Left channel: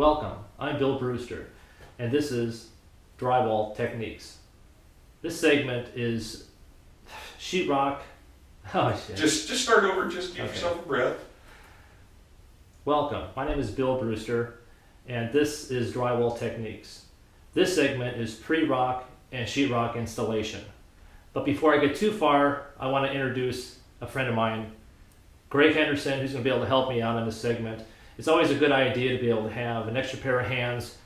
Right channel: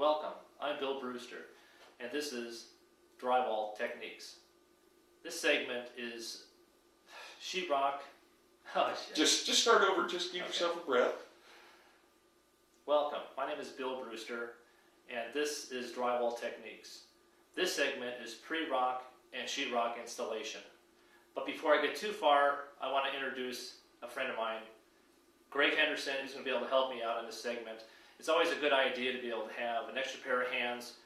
Welcome, I'm Bill Brewster, and this is Drywall Techniques. This segment is sheetrock. Oh shit. Just start over, just give yourself a breath. Welcome, my name is Bill Brewster, and this is Drywall Techniques. This segment is pre-rock and sheetrock installation. But before I get too far, I want to introduce a friend of mine, Greg Henderson, who's going to be able to help me out on this segment. It's always a good idea to be able to have an extra pair of hands,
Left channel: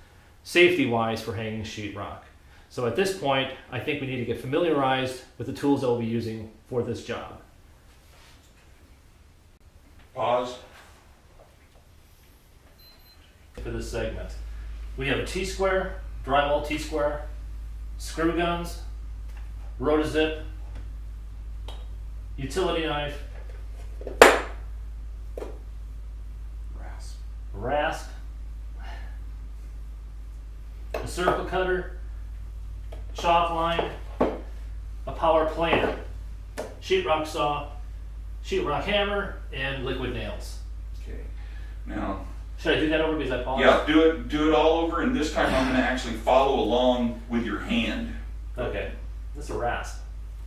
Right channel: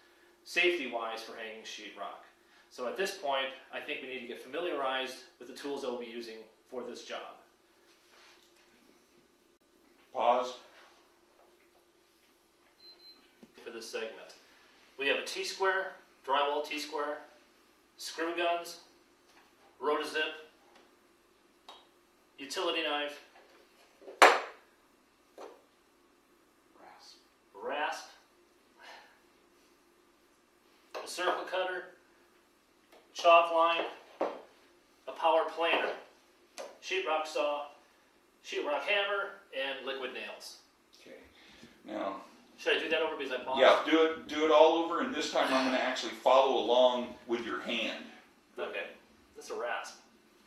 safety-wise, for hanging sheetrock. So at this point, I think we need to get familiarized with the tools that we'll be using for this job. Pause. For this segment, we have a T-square, drywall T-square, screw guns, rotozip, utility knife, rasp, a circle cutter, chalk line, a power planer, sheetrock saw, sheetrock hammer, and liquid nails. Okay. Now. Should I do that over because I paused? Yeah, do it all over, and this time I'm going to actually follow along with your hand. Okay. This is a rasp.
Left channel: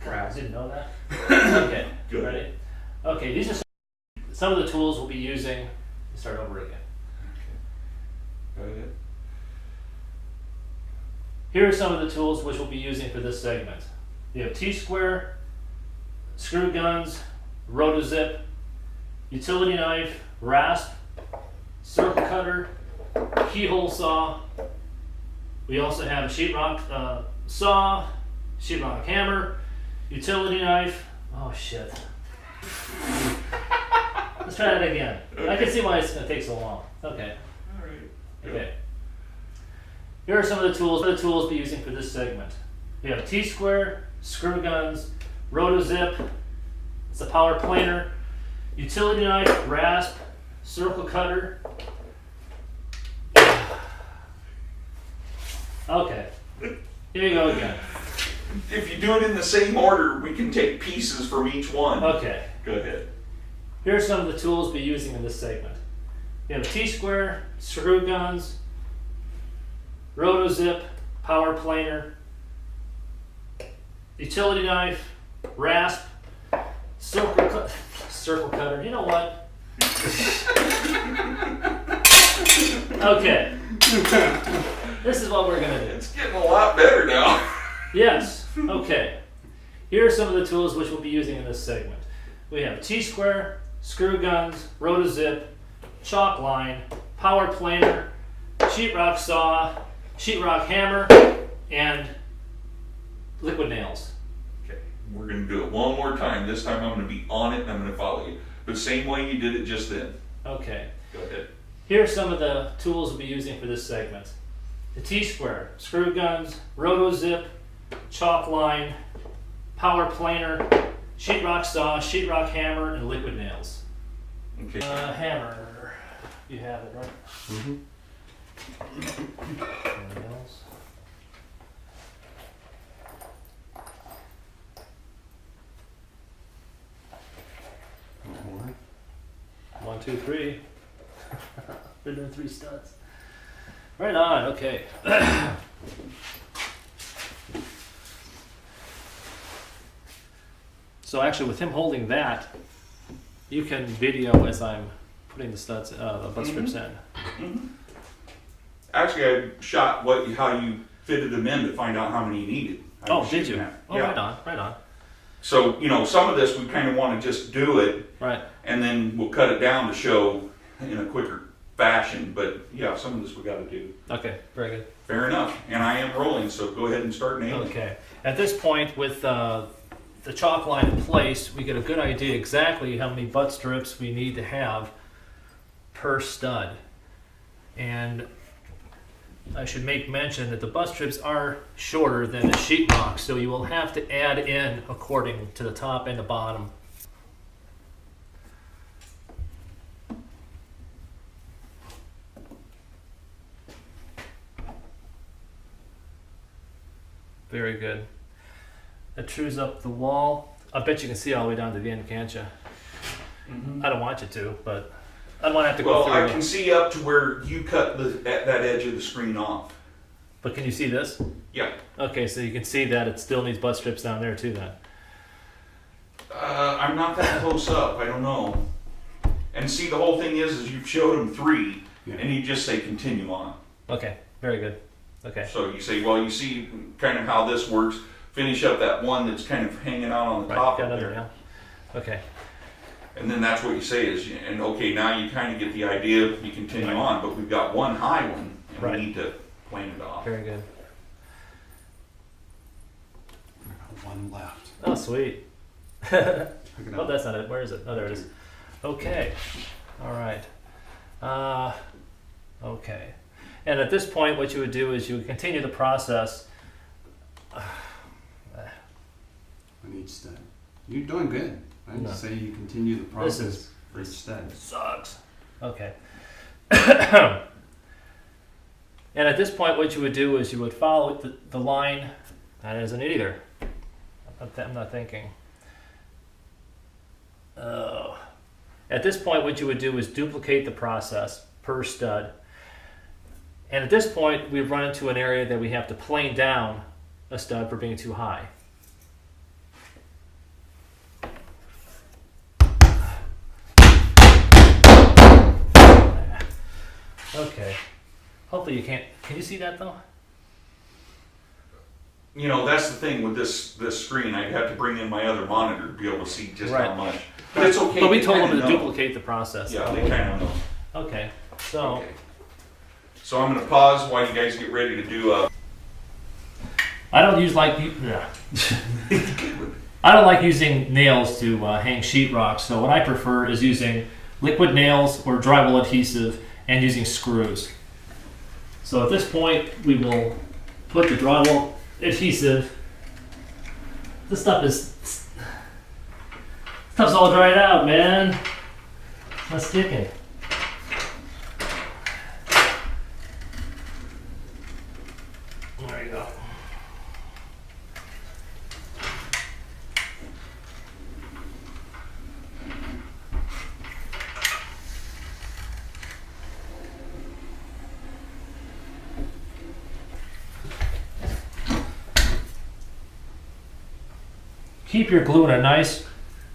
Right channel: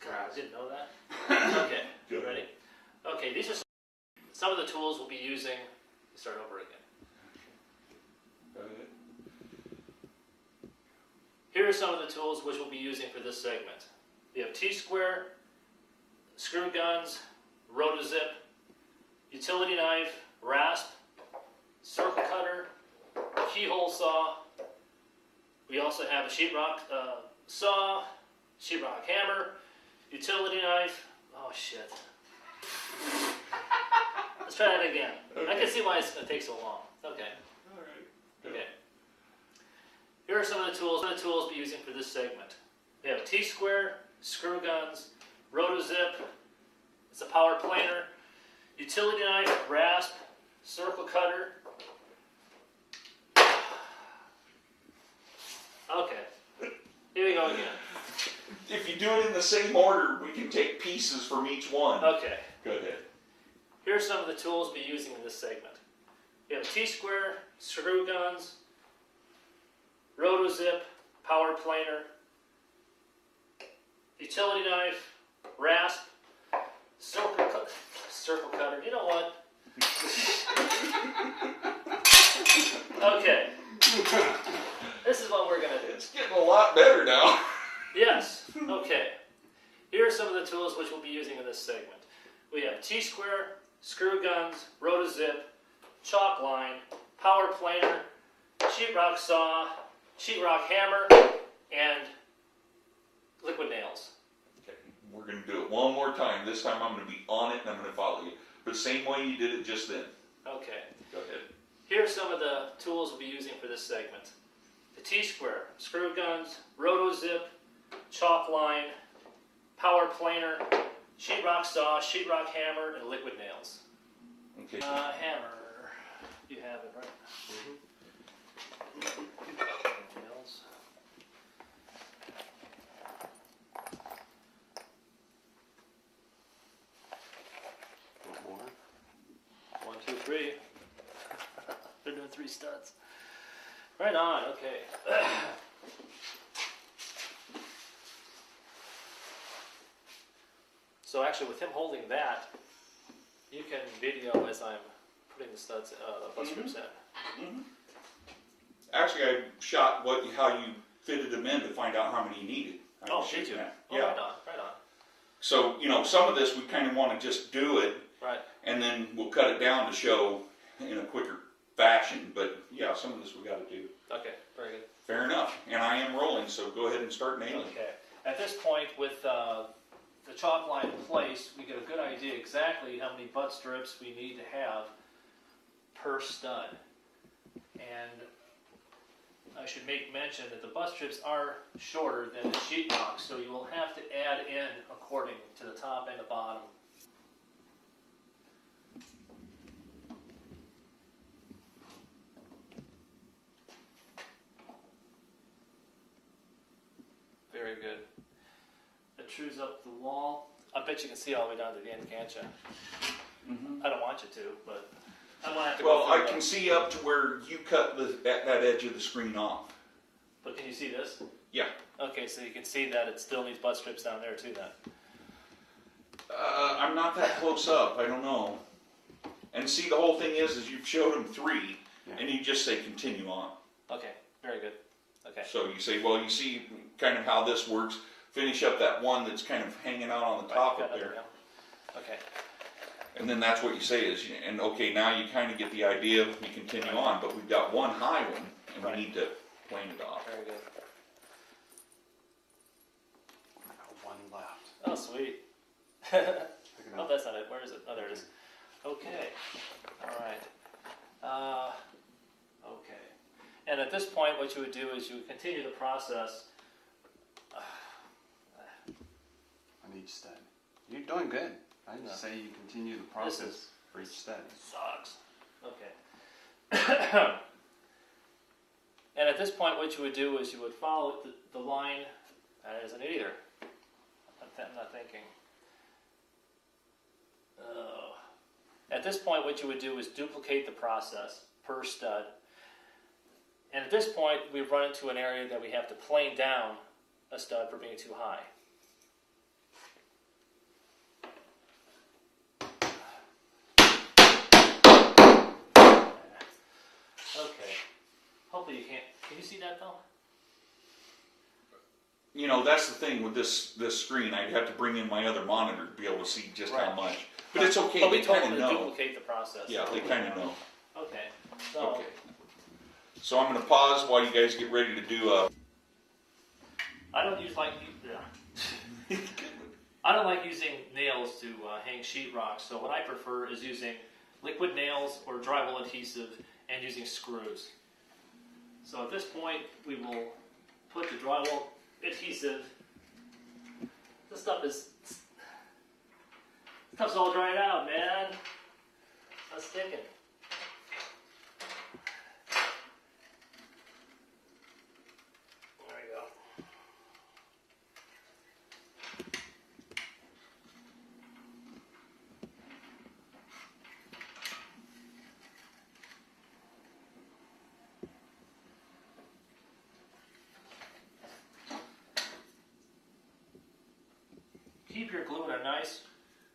I didn't know that. Okay. Good. Ready? Okay. These are some of the tools we'll be using. Start over again. Go ahead. Here are some of the tools which we'll be using for this segment. You have T-square, screw guns, rotozip, utility knife, rasp, circle cutter, keyhole saw. We also have a sheetrock saw, sheetrock hammer, utility knife. Oh shit. Let's try that again. Okay. I can see why it's going to take so long. Okay. All right. Okay. Here are some of the tools we'll be using for this segment. We have T-square, screw guns, rotozip, it's a power planer, utility knife, rasp, circle cutter. Okay, here you go again. If you do it in the same order, we can take pieces from each one. Okay. Go ahead. Here are some of the tools we'll be using in this segment. We have T-square, screw guns, rotozip, power planer, utility knife, rasp, circle cutter. You know what? Okay. This is what we're going to do. It's getting a lot better now. Yes. Okay. Here are some of the tools which we'll be using in this segment. We have T-square, screw guns, rotozip, chalk line, power planer, sheetrock saw, sheetrock hammer, and liquid nails. Okay, we're going to do it one more time. This time I'm going to be on it and I'm going to follow you. But same way you did it just then. Okay. Go ahead. Here are some of the tools we'll be using for this segment. The T-square, screw guns, rotozip, chalk line, power planer, sheetrock saw, sheetrock hammer, and liquid nails. Okay. Hammer. You have it, right? Mm-hmm. Nails. One, two, three. They're doing 3 studs. Right on, okay. So actually with him holding that, you can video as I'm putting the studs, the butt strips in. Mm-hmm. Actually, I shot how you fitted them in to find out how many you needed. Oh, did you? That. Oh, Yeah. right on. So, some of this we kind of want to just do it, Right. and then we'll cut it down to show in a quicker fashion. But yeah, some of this we got to do. Okay, very good. Fair enough. And I am rolling, so go ahead and start nailing. Okay. At this point, with the chalk line in place, we get a good idea exactly how many butt strips we need to have per stud. And I should make mention that the butt strips are shorter than the sheetrock, so you will have to add in according to the top and the bottom. Very good. That trues up the wall. I bet you can see all the way down to the end, can't you? Mm-hmm. I don't want you to, but I don't want to have to go Well, through I it. can see up to where you cut that edge of the screen off. But can you see this? Yeah. Okay, so you can see that it still needs butt strips down there too then. I'm not that close up. I don't know. And see, the whole thing is you showed him 3, and you just say continue on. Okay, very good. Okay. So you say, well, you see kind of how this works. Finish up that one that's kind of hanging out on the top of there. Yeah. Okay. And then that's what you say is, and okay, now you kind of get the idea. You continue on, but we've got one high one, and we need to plane it off. Very good. One left. Oh, sweet. Pick it Oh, up. that's not it. Where is it? Oh, there it is. Okay. All right. Okay. And at this point, what you would do is you would continue the process. On each stud. You're doing good. I No. say you continue the process for each stud. Sucks. Okay. And at this point, what you would do is you would follow the line. That isn't it either. I'm not thinking. Oh. At this point, what you would do is duplicate the process per stud. And at this point, we've run into an area that we have to plane down a stud for being too high. Okay. Hopefully you can't. Can you see that though? You know, that's the thing with this screen. I'd have to bring in my other monitor to be able to see just how much. But it's okay. But we they told them kinda to know. duplicate the process. Yeah, they kind of know. Okay. So. Okay. So I'm going to pause while you guys get ready to do I don't use I don't like using nails to hang sheetrock. So what I prefer is using liquid nails or drywall adhesive and using screws. So at this point, we will put the drywall adhesive. This stuff's all dried out, man. It's not sticking. There you go. Keep your glue in a nice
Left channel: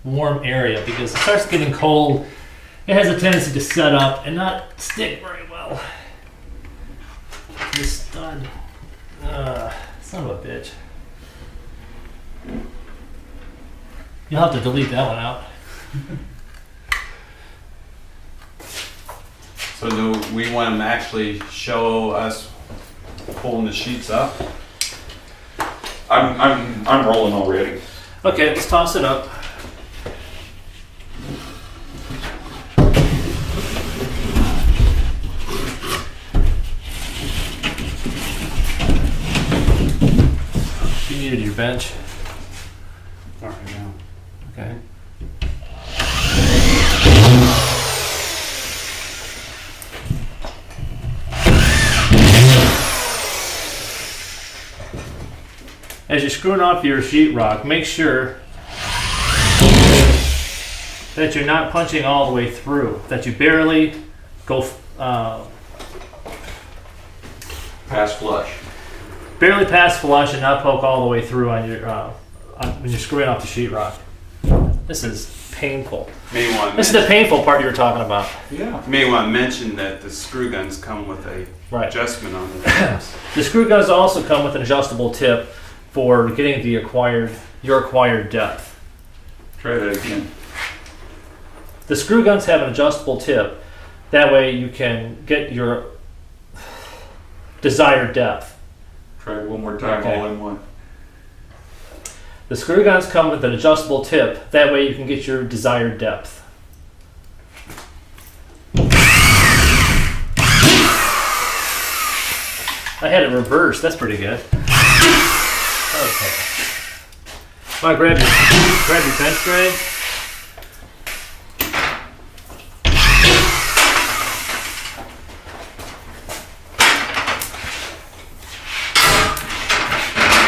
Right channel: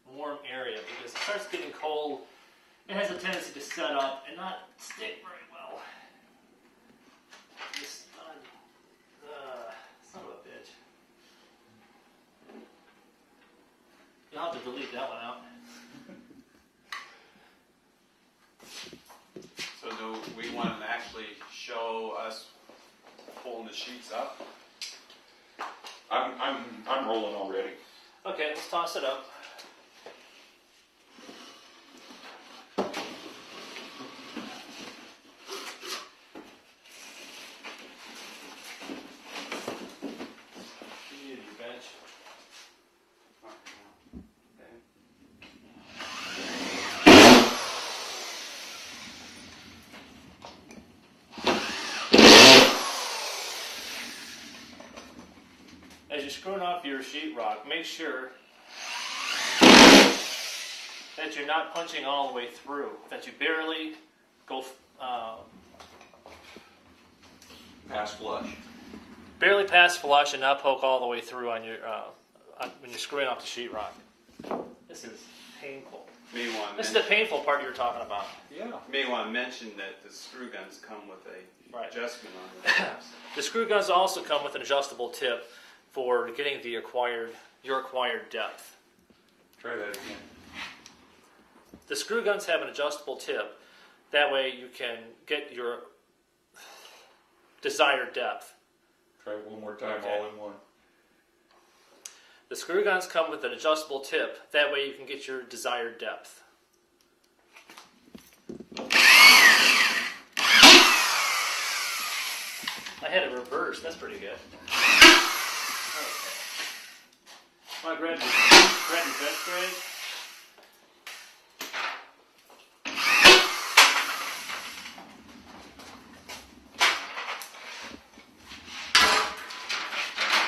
warm area because it starts getting cold. It has a tendency to set up and not stick very well. This stud. Son of a bitch. You'll have to delete that one out. So do we want them to actually show us pulling the sheets up? I'm rolling already. Okay, let's toss it up. You needed your bench. All right, now. Okay. As you're screwing off your sheetrock, make sure that you're not punching all the way through, that you barely go, Pass flush. barely pass flush and not poke all the way through on your when you're screwing off the sheetrock. This is painful. This is the painful part you were talking about. Yeah. May want to mention that the screw guns come with a Right. adjustment on the The screw guns also come with an adjustable tip for getting your acquired depth. Try that again. The screw guns have an adjustable tip. That way you can get your desired depth. Try it one more time, Okay. all in one. The screw guns come with an adjustable tip. That way you can get your desired depth. I had it reversed. That's pretty good. Okay. Want to grab your bench tray?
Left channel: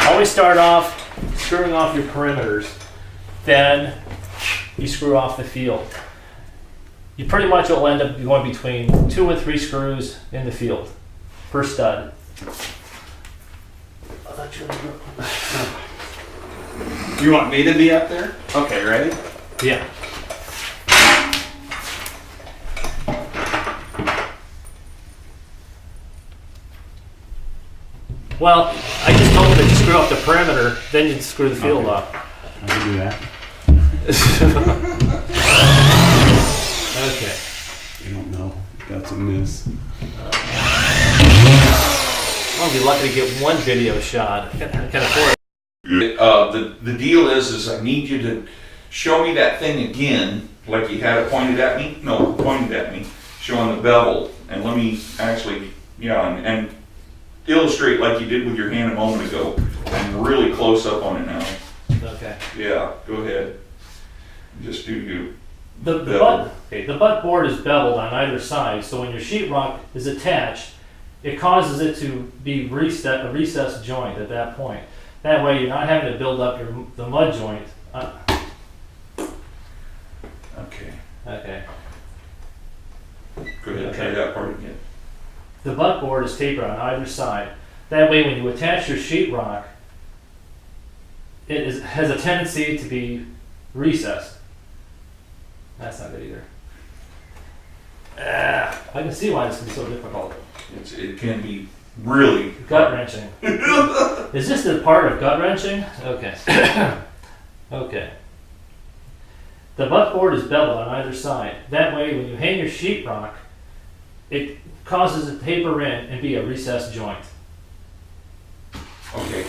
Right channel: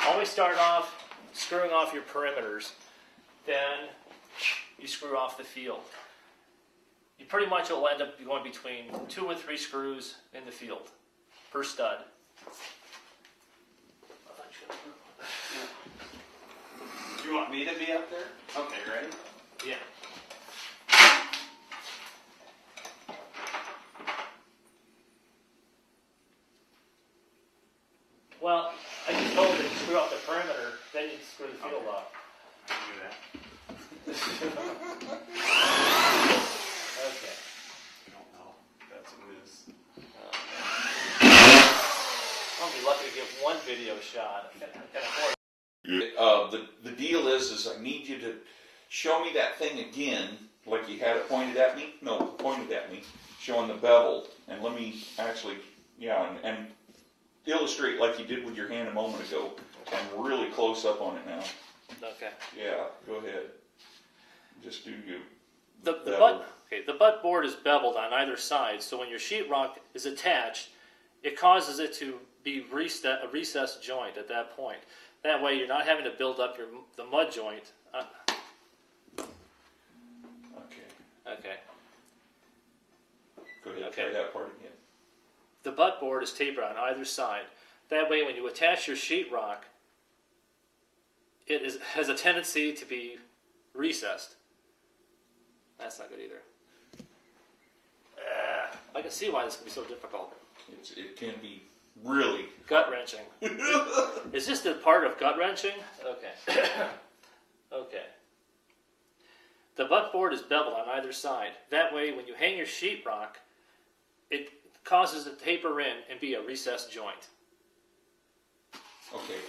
Always start off screwing off your perimeters, then you screw off the field. you pretty much will end up going between 2 and 3 screws in the field per stud. You want me to be up there? Okay, ready? Yeah. Well, I just told them to screw up the perimeter, then you screw the field Okay. up. I can do that. Okay. You don't know. That's a miss. I'll be lucky to get one video shot. I can afford it. The deal is I need you to show me that thing again, like you had it pointed at me. No, pointed at me, showing the bevel, and let me actually, and illustrate like you did with your hand a moment ago. I'm really close up on it now. Okay. Yeah, go ahead. Just do you. The butt board is beveled on either side, so when your sheetrock is attached, it causes it to be a recessed joint at that point. That way, you're not having to build up the mud joint. Okay. Okay. Go ahead. Try Okay. that part again. The butt board is tapered on either side. That way, when you attach your sheetrock, it has a tendency to be recessed. That's not good either. I can see why this can be so difficult. It can be really Gut wrenching. Is this the part of gut wrenching? Okay. Okay. The butt board is beveled on either side. That way, when you hang your sheetrock, it causes it to taper in and be a recessed joint. Okay.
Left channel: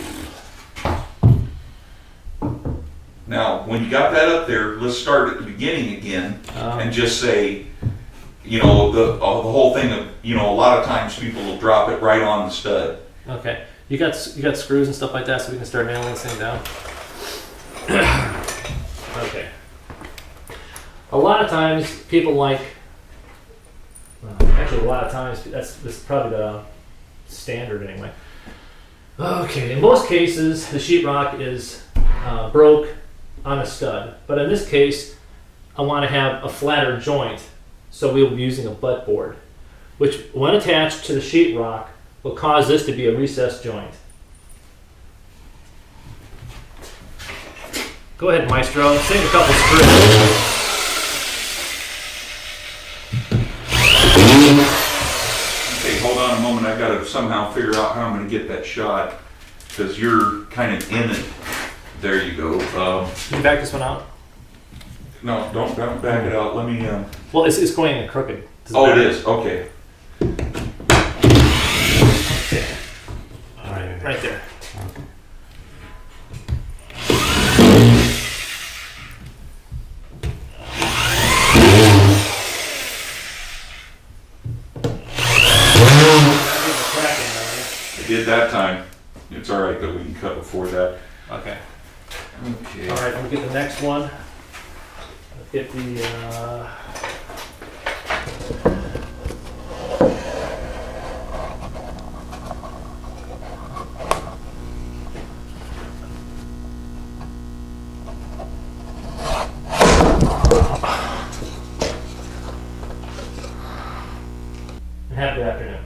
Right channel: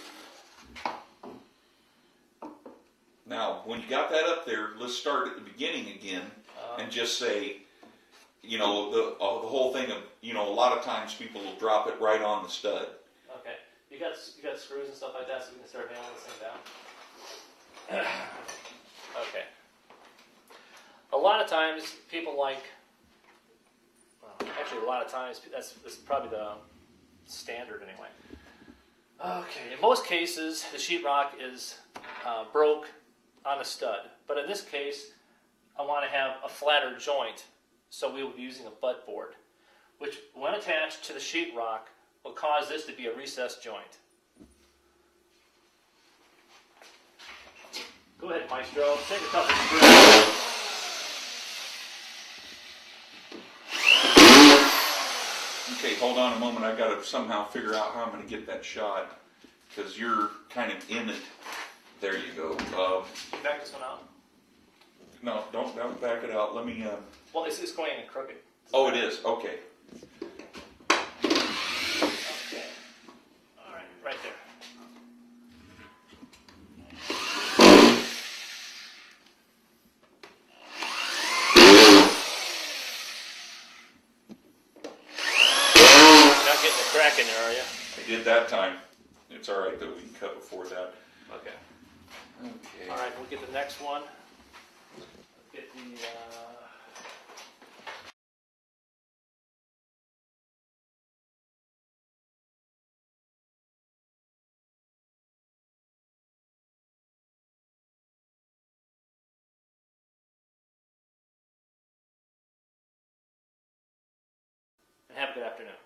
Now, when you got that up there, let's start at the beginning again and just say, the whole thing of, a lot of times people will drop it right on the stud. Okay. You got screws and stuff like that, so we can start nailing this thing down. Okay. A lot of times people like. Actually, a lot of times this is probably the standard anyway. Okay. In most cases, the sheetrock is broke on a stud, but in this case, I want to have a flatter joint, so we will be using a butt board, which, when attached to the sheetrock, will cause this to be a recessed joint. Go ahead, Maestro. Sink a couple screws. Okay, hold on a moment. I gotta somehow figure out how I'm gonna get that shot, because you're kind of in it. There you go. Can you back this one out? No, don't back it out. Let me. Well, it's going in crooked. Does Oh, it matter? is. Okay. Okay. All right, right there. That gives a cracking area. I did that time. It's all right though. We can cut before that. Okay. Okay. All right, let me get the next one. Let's get the. Happy afternoon.